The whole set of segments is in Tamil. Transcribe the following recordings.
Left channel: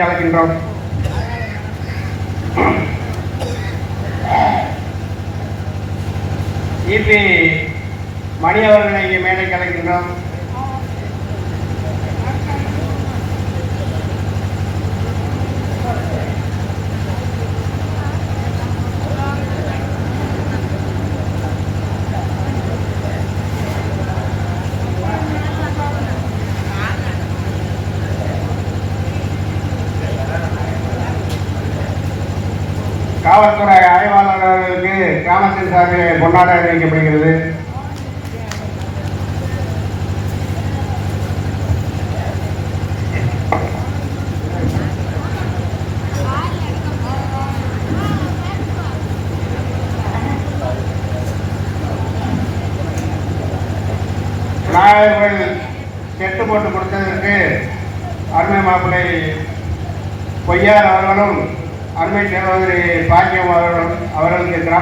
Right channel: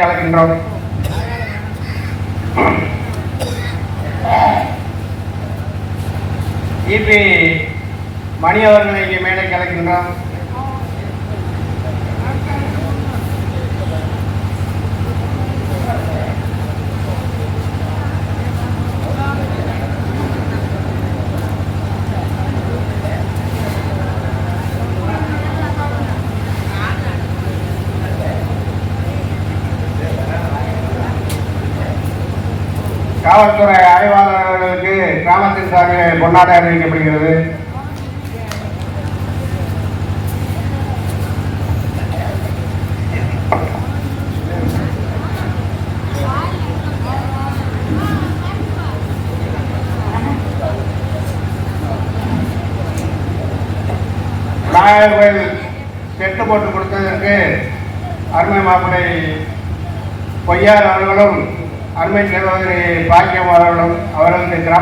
கலக்கின்றோம். இபி மணி அவர்களை மேலே கலக்கின்றோம். காவல்துறை ஆய்வாளர் அவர்களுக்கு கிராமத்தின் சார்பில் கொண்டாட அறிவிக்கப்படுகிறது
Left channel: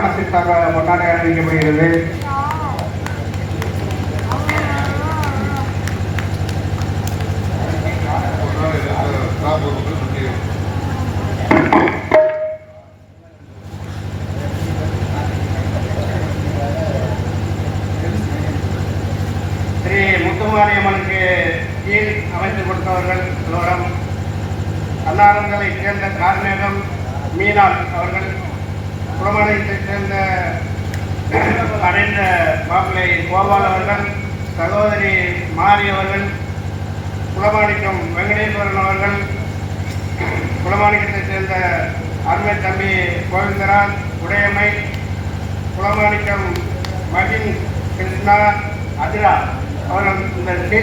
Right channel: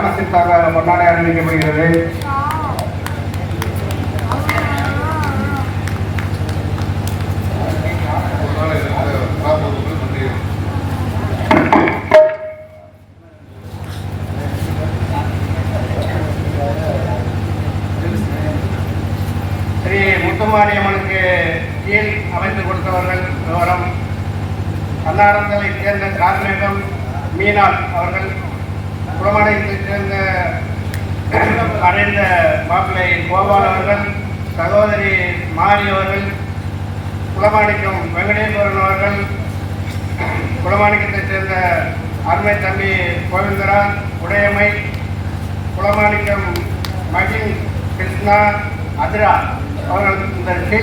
அவர்களது கொண்டாட அறிவிக்கப்படுகிறது மாப்பிள்ளை கோபால் அவர்கள் சகோதரி மாரி அவர்கள் குளமாணிக்கம் வெங்கடேஸ்வரன் அவர்கள் குலமாணிக்கத்தை சேர்ந்த அருமை தம்பி கோவிந்தரா உடையமை குளமாணிக்கம் மகின் கிருஷ்ணா அதிரா அவர்கள் இந்த டீ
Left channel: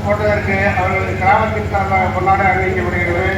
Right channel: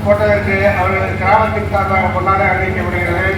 போட்டதற்கு அவர்களது கிராமத்தின் சார்பாக கொண்டாட அறிவிக்கப்படுகிறது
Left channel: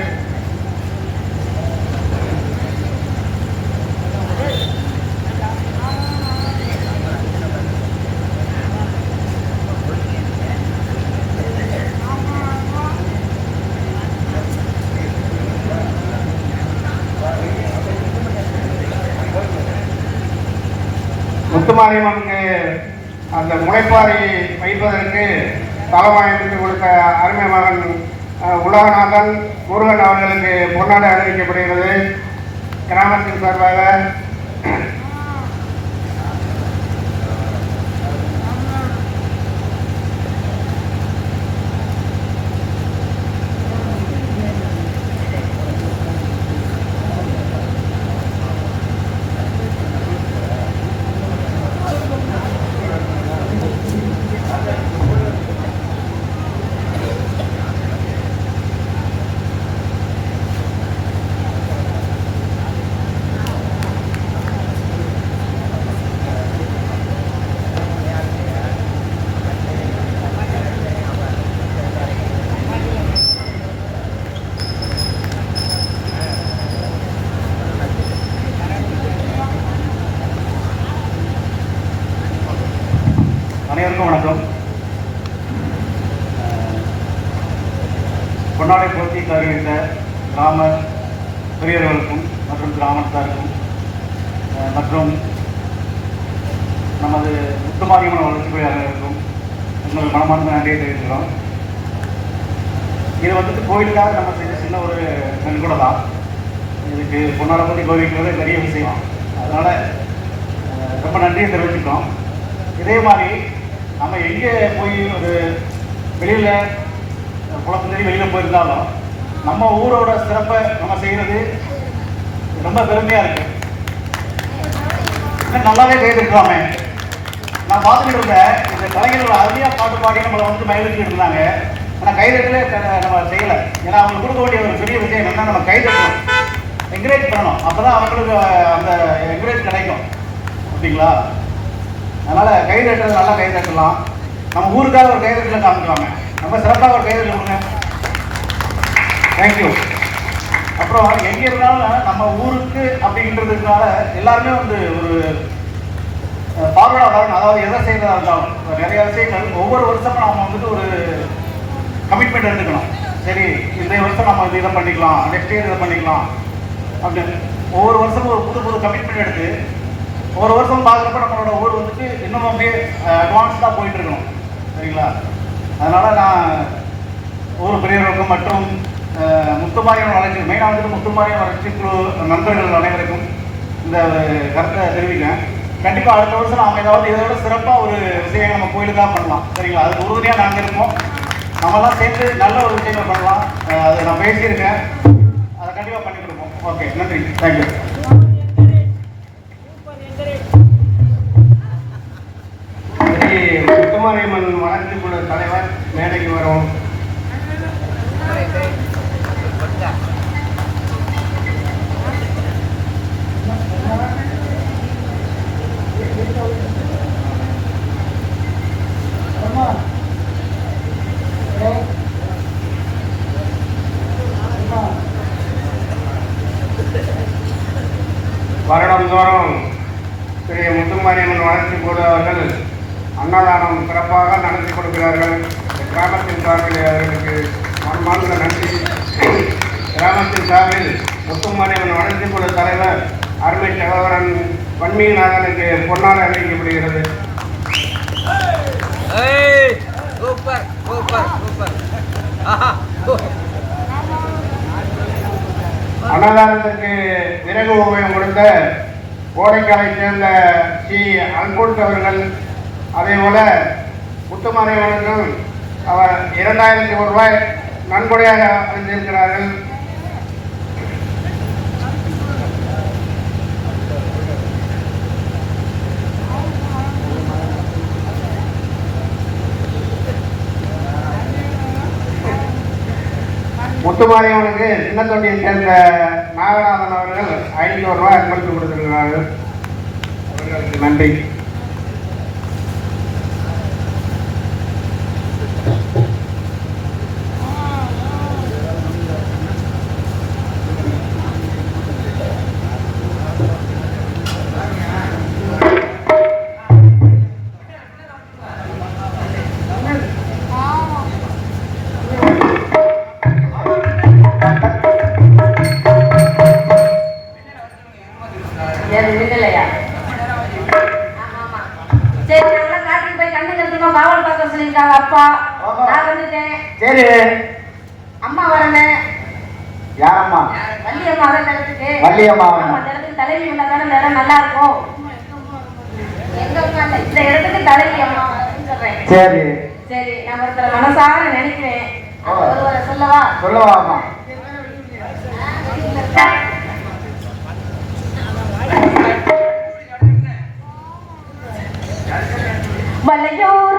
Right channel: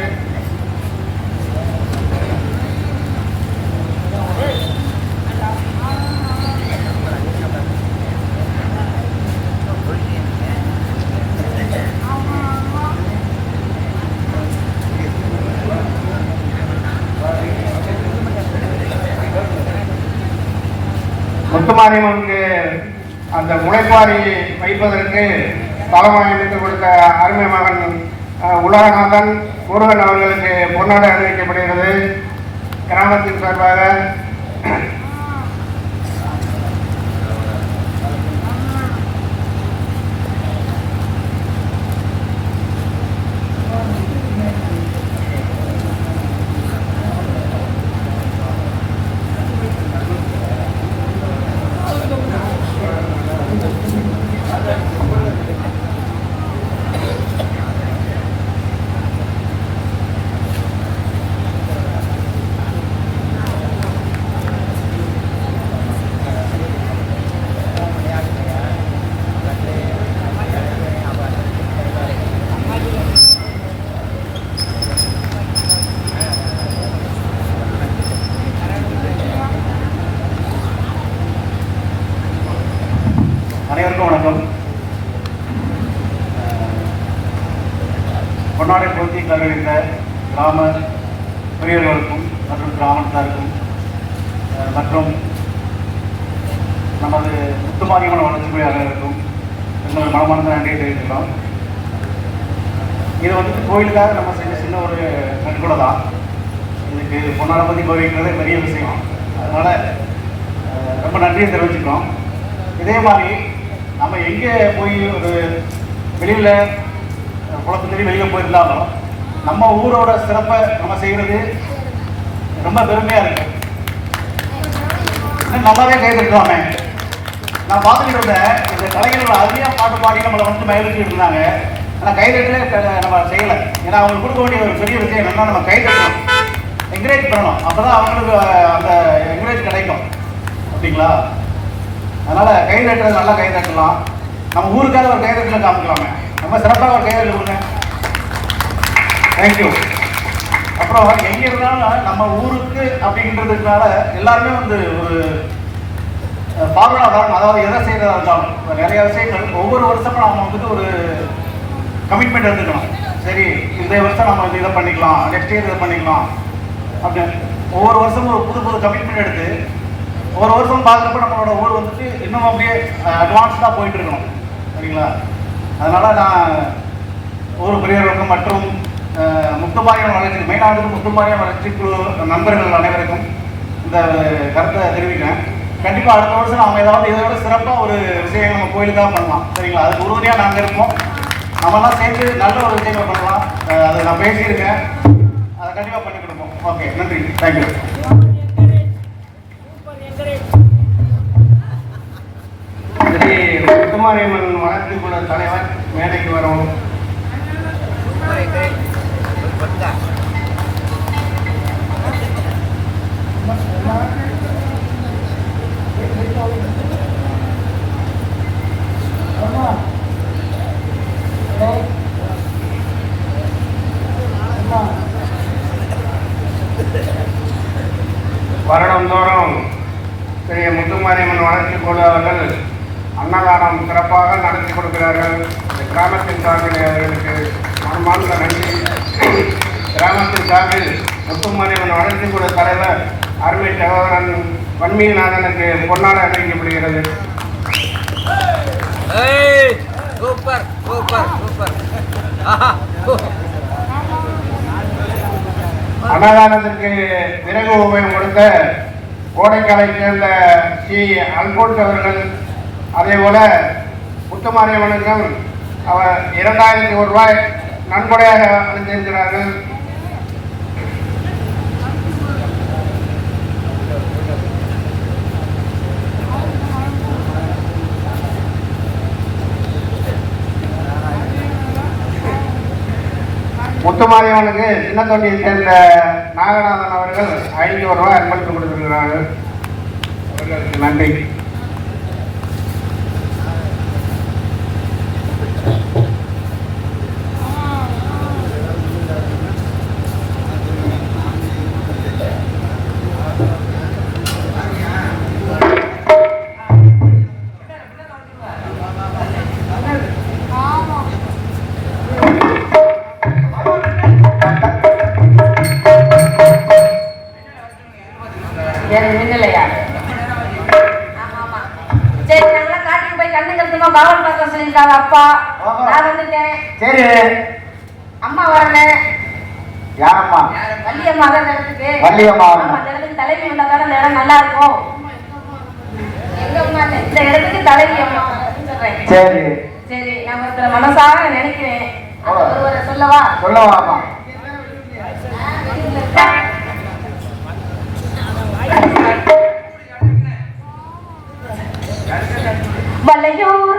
பொன்னாடப்பதி பெரிய விஷயம். அதனால் ரொம்ப நன்றியை தெரிவிச்சுட்டோம் இதே மாதிரி நம்ம எங்கே போய் ஒரு வெளியில் குளத்துக்கு வெளியில் போயிருந்தாலும் நம்ம ஊரோட சிறப்பை நம்ம செய்கிறது ரொம்ப பெருமையாக இருக்கு. இன்னும் நல்லாவே கேட்டுருக்கலாமே நான் பார்த்துக்கிட்டு இருந்தேன் இந்த கலைஞர்கள் அருமையாக பாட்டு பாடி நம்மளை வந்து மயிலிட்டு இருந்தாங்க. ஆனால் கைதட்டலே நம்ம செய்யலை. ஏன்னா அவங்களுக்கு கொடுக்க வேண்டிய ஒரு பெரிய விஷயம் என்னன்னா நம்ம கைதட்டணும். என்கரேஜ் பண்ணணும். அப்போ தான் அவங்களுக்கு அந்த என்கரேஜ் கிடைக்கும். அப்படிங்களா அதனால் கை தட்டுறது நல்லா கை தட்டலாம். நம்ம ஊருக்காக ஒரு கை தட்டல காமிக்கலாமே. நம்ம சிறப்பாக ஒரு கை தட்டல் கொடுங்க தேங்க்யூ அப்புறம் எங்கே இருந்தாலும் நம்ம ஊருக்கு அப்படின்றதுனால எல்லாருமே வந்து ஒரு அஹ், பார்வையாளர் அதாவது எதை செய்ததாக இருந்தாலும் நிறைய விஷயங்கள் ஒவ்வொரு வருஷமும் நம்ம வந்துட்டு ஒரு கமிட்மெண்ட் எடுத்துக்கணும். சரி இந்த வருஷம் நம்ம வந்து இதை பண்ணிக்கலாம் நெக்ஸ்ட் இயர் இதை பண்ணிக்கலாம். அப்படின்னு ஒவ்வொரு வருஷமும் ஒரு புது புது கமிட்மெண்ட் எடுத்து ஒரு வருஷம் பார்க்குறப்ப நம்மளோட ஊர் வந்துட்டு இன்னும் அப்படியே அட்வான்ஸ்டாக போயிட்டு இருக்கணும். சரிங்களா? அதனால நான் ஊர் பெரியவர்களுக்கும் மற்றும் முத்துமாரியம் வளர்ச்சி மெயினாக வந்து முத்துமாரியம் வளர்ச்சி குழு நண்பர்கள் அனைவருக்கும் இந்த ஒரு கருத்தை தெரிவிக்கிறேன். கண்டிப்பாக அடுத்த வருஷம் நாம ஏதாவது இதை விட சிறப்பாக ஒரு விஷயம் நம்ம கோயிலுக்காக பண்ணலாம். சரிங்களா? அதுக்கு உறுதுணையாக நாங்கள் இருக்கோம். நம்மளாம் சேர்ந்து நல்ல ஒரு விஷயங்கள் பண்ணலாம். அதை நான் பேசியிருக்கேன். அதை கண்டிப்பாக பண்ணி ஓகே நன்றி. தேங்க்யூ சரி முத்துமாரியம்மன் வளர்ச்சி குழு தலைவர் மேடைக்கு வரும் வருடந்தோறும் ஸ்ரீ முத்துமாரியம்மன் வளர்ச்சி குழு அவர்கள் அன்னதானம் சிறப்பாக நடத்தி கொடுக்கிறார்கள் இந்த கிராமத்தின் சார்பில் அவர்களுக்கு மனமார்ந்த நன்றி சார்பில் முத்துமாரியம்மன் குழு தலைவர் அருமை சகோதரன் வன்மீகநாதனுக்கு பொன்னாட அறிவிக்கப்படுகிறது ஏய் சூப்பர் சூப்பர் சூப்பர். அன்னதானத்திற்கு விறகு உபயம் கொடுத்த கோடைக்காலை சேர்ந்த ஸ்ரீ அல்போன்ஸ் அவர்கள் அதே போல முத்துமாரியவர்கள் அவர் இரண்டாயிரத்தி ஒரு ரூபாய் நன்கொடையாக அளித்திருக்கிறார்கள். முத்துமாரியவனுக்கு சின்ன தொண்டியை சேர்ந்த நாகநாதன் அவர்கள் ஐநூறு ரூபாய் அன்பளித்து கொடுத்துருக்கிறார்கள். அவர்களுக்கு நன்றி. இந்த இடத்துக்கு தலைவி அம்மா சொல்றேன் சரி. சரி நான் ஒருத்தர மனசார நினைக்கிறேன். ஒருவரை சொல்லவா? சொல்லவாமா வலையோர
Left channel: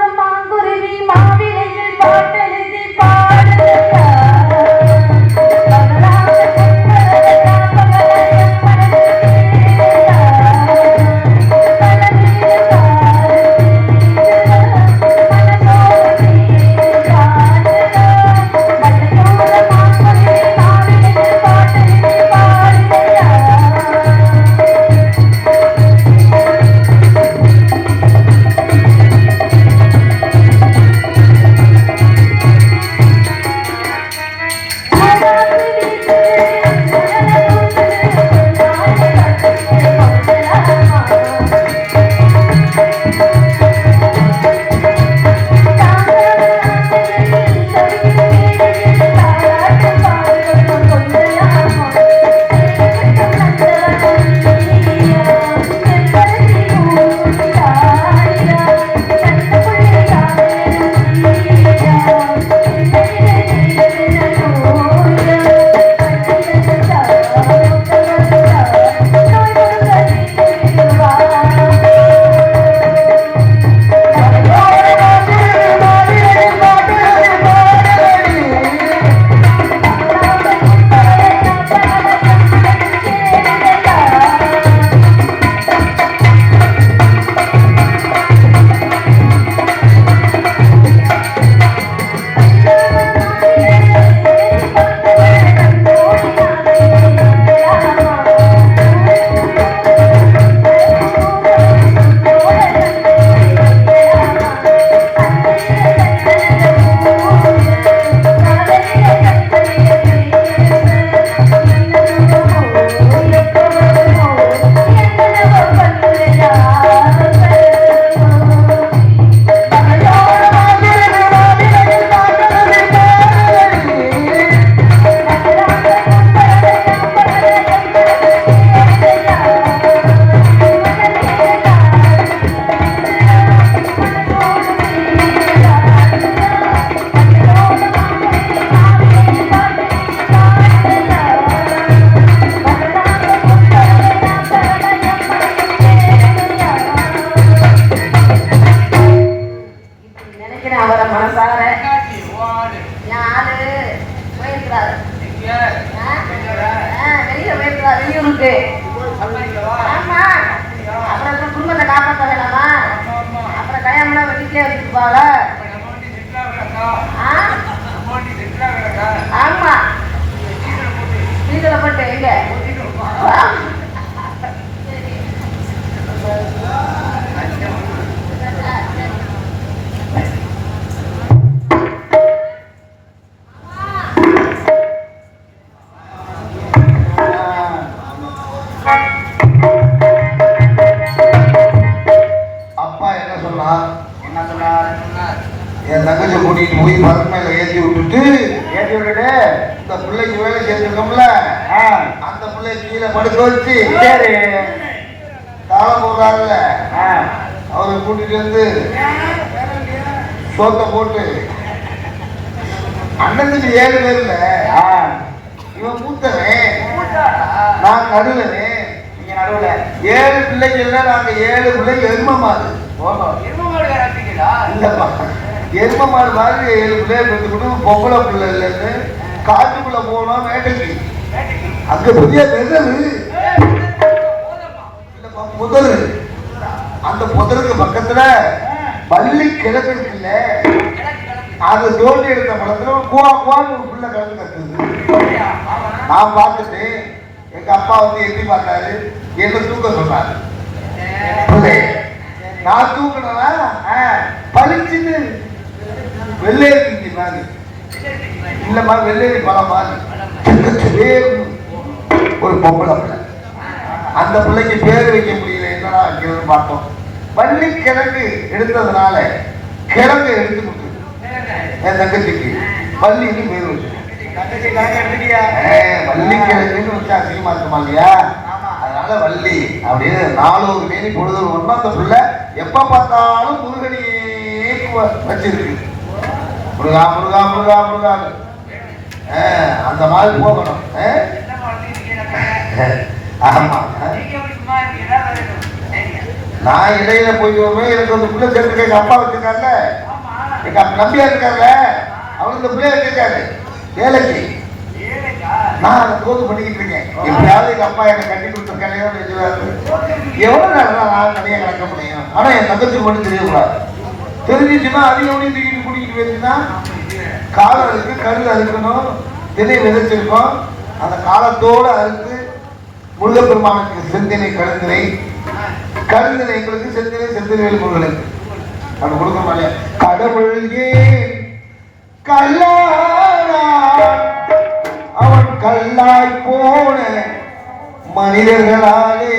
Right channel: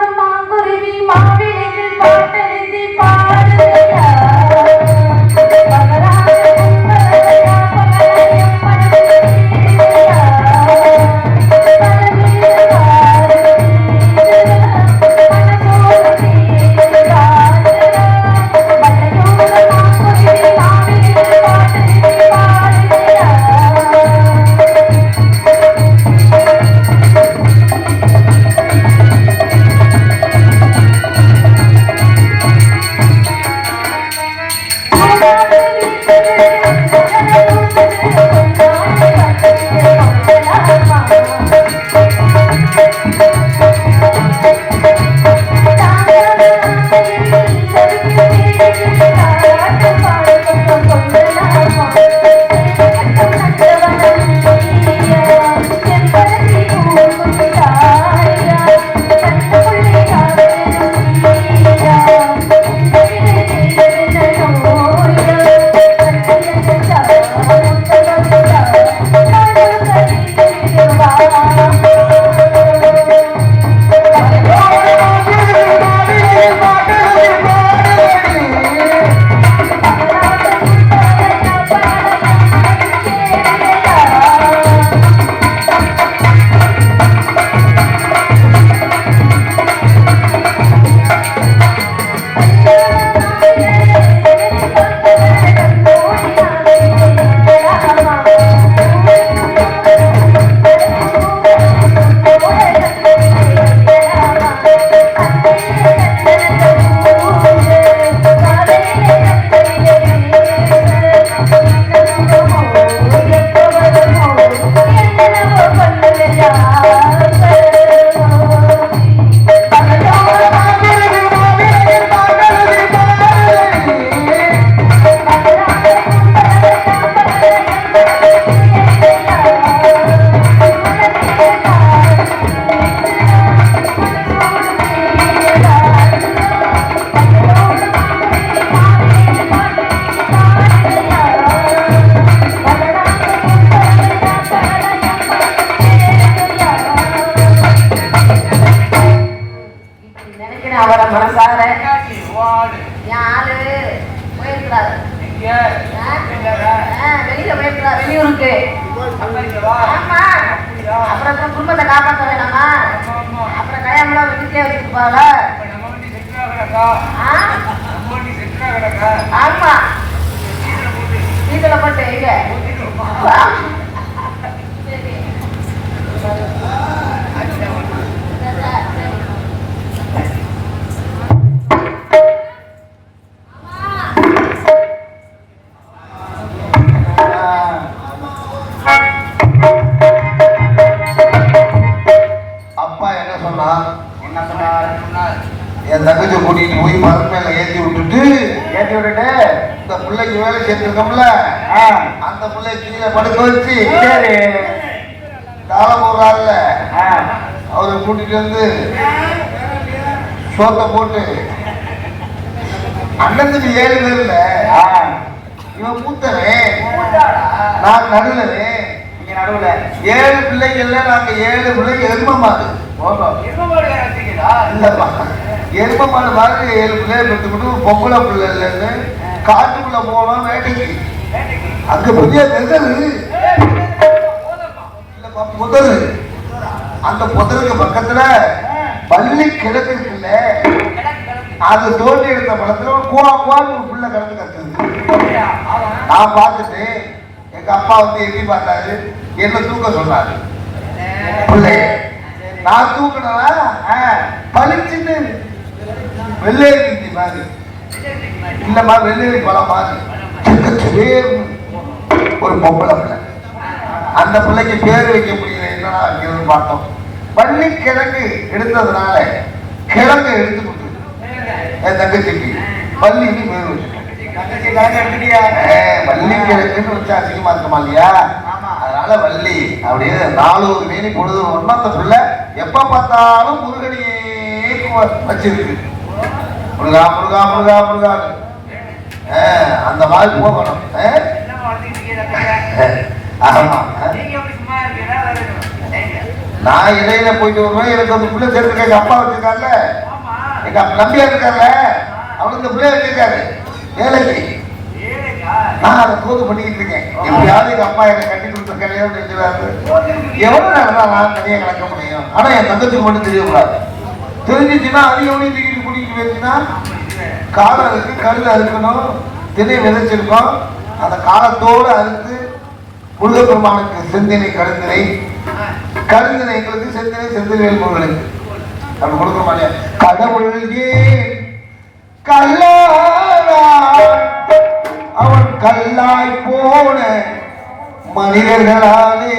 சோத்தை போட்டு. அண்ணனுக்கு ஏழு பேர்ல. இவன் மூத்தவன். நான் நடுவன். நீங்க நடுவுல. ஏழு பிள்ளைகள்ல நாங்க ஏழு பிள்ளைங்க எரும மாடு. இல்லப்பா எரும மாடு மாதிரி ஏழு பிள்ளைகள் எடுத்துக்கிட்டு பொம்பளை பிள்ளை இல்லைன்னு காட்டுக்குள்ள போனோம் வேட்டைக்கு அங்க பெரிய நெதல் புதரு? அந்த புதருக்கு பக்கத்துல பள்ளி கிழக்கு அது தோண்டி எடுத்த படத்துல கோவா குவா பிள்ளை கிடந்து கத்துது நான் பார்த்துட்டு எங்க அப்பா வந்து எட்டி பார்த்தாரு. என்ன தூக்க சொன்னாரு. பிள்ளைய நான் தூக்கினா பளிச்சுன்னு. வெள்ளை கிண்டி மாதிரி இல்லம்மா வெள்ளேரி பழம் மாதிரி ஒரு பொம்பளை பிள்ளை. அந்த பிள்ளைக்கு பேர் வைக்க முடியல. என்னடா வைக்கிறதுன்னு பார்த்தோம்? வள்ளி கிழங்கு எடுத்ததுனால கிழங்கு எடுத்து கொடுத்து என் தங்கச்சிக்கு. வள்ளின்னு பேர் வள்ளி கிழங்குன்னு வச்சா அசிங்கமா இருக்குமா இல்லையா? அதனால வள்ளி அப்படியே நாலூறு மேனி பொழுது அந்த பிள்ளை எப்ப பார்த்தாலும் முருகனையே வச்சிருக்கு. முருகா முருகா முருகா முருகா. அந்த மாதிரி போகணும்? ஆமா. நான் இடையில போயிட்டு வருவேன் எனக்கு அந்த பிள்ளை சேர்த்துக்க எங்க அப்பா வச்சிருக்காங்கல்ல எங்க நம்பியா இருக்காங்க. அவனுக்கு இந்த பிள்ளை வச்சிருக்காரு ஏழைக்கு. நான் அதை போது பண்ணிக்கிட்டு இருக்கேன். எப்படியாவது எங்க அப்பா என்னை கட்டி கொடுத்த கல்யாணம் செஞ்சுறாரு எவ்வளவு நேரம் நான் தனியா கிடக்க முடியும்? ஆனா என் தங்கச்சி மட்டும் தெரியக்கூடாது. தெரிஞ்சிச்சுன்னா அதிகம் தூக்கிட்டு கூட்டிகிட்டு போயிருச்சுன்னா காலம் இருக்கு கருது அறுக்கணும் திணை விதைச்சிருக்கோம். அந்த காலத்தோடு அறுத்து முருகப்பெருமானுக்கு செந்தினை கருந்தினை கருந்தினை எங்களுக்கு செந்தினை செந்தினை உங்களுக்கு அப்படி கொடுக்க மாட்டேன் கடவுள் ஏன் அவன் கல்லாய் போன மனிதர்களாலே.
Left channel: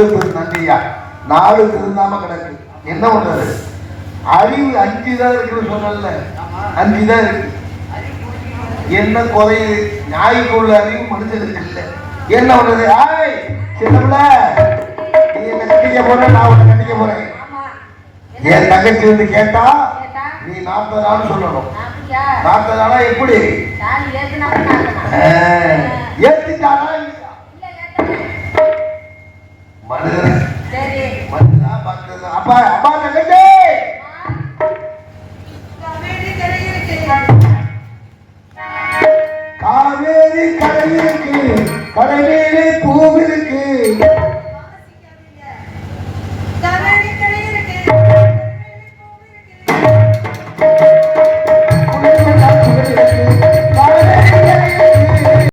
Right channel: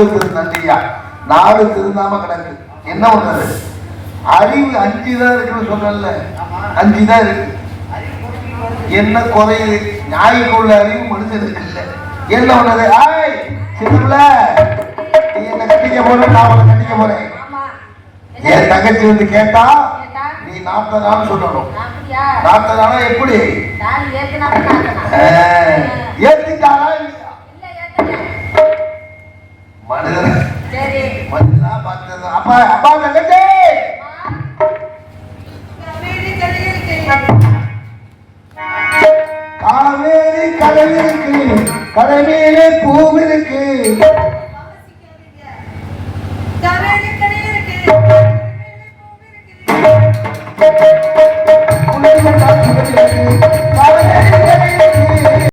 நாலு திரு நாலு திருநாம கிடக்கு என்ன பண்ணுறது அறிவு அஞ்சு தான் இருக்குன்னு சொல்லல அஞ்சு தான் இருக்கு. என்ன குறையுது ஞாயிற்றுள்ள அறிவு மனுஷனுக்கு இல்லை. என்ன பண்ணுறது ஆய் சிவல்ல நீ என்ன கட்டிக்க போற? நான் உன்னை கட்டிக்க போறேன். என் தங்கச்சி வந்து கேட்டா நீ நாற்பது நாள் சொல்லணும். நாற்பது நாளா எப்படி?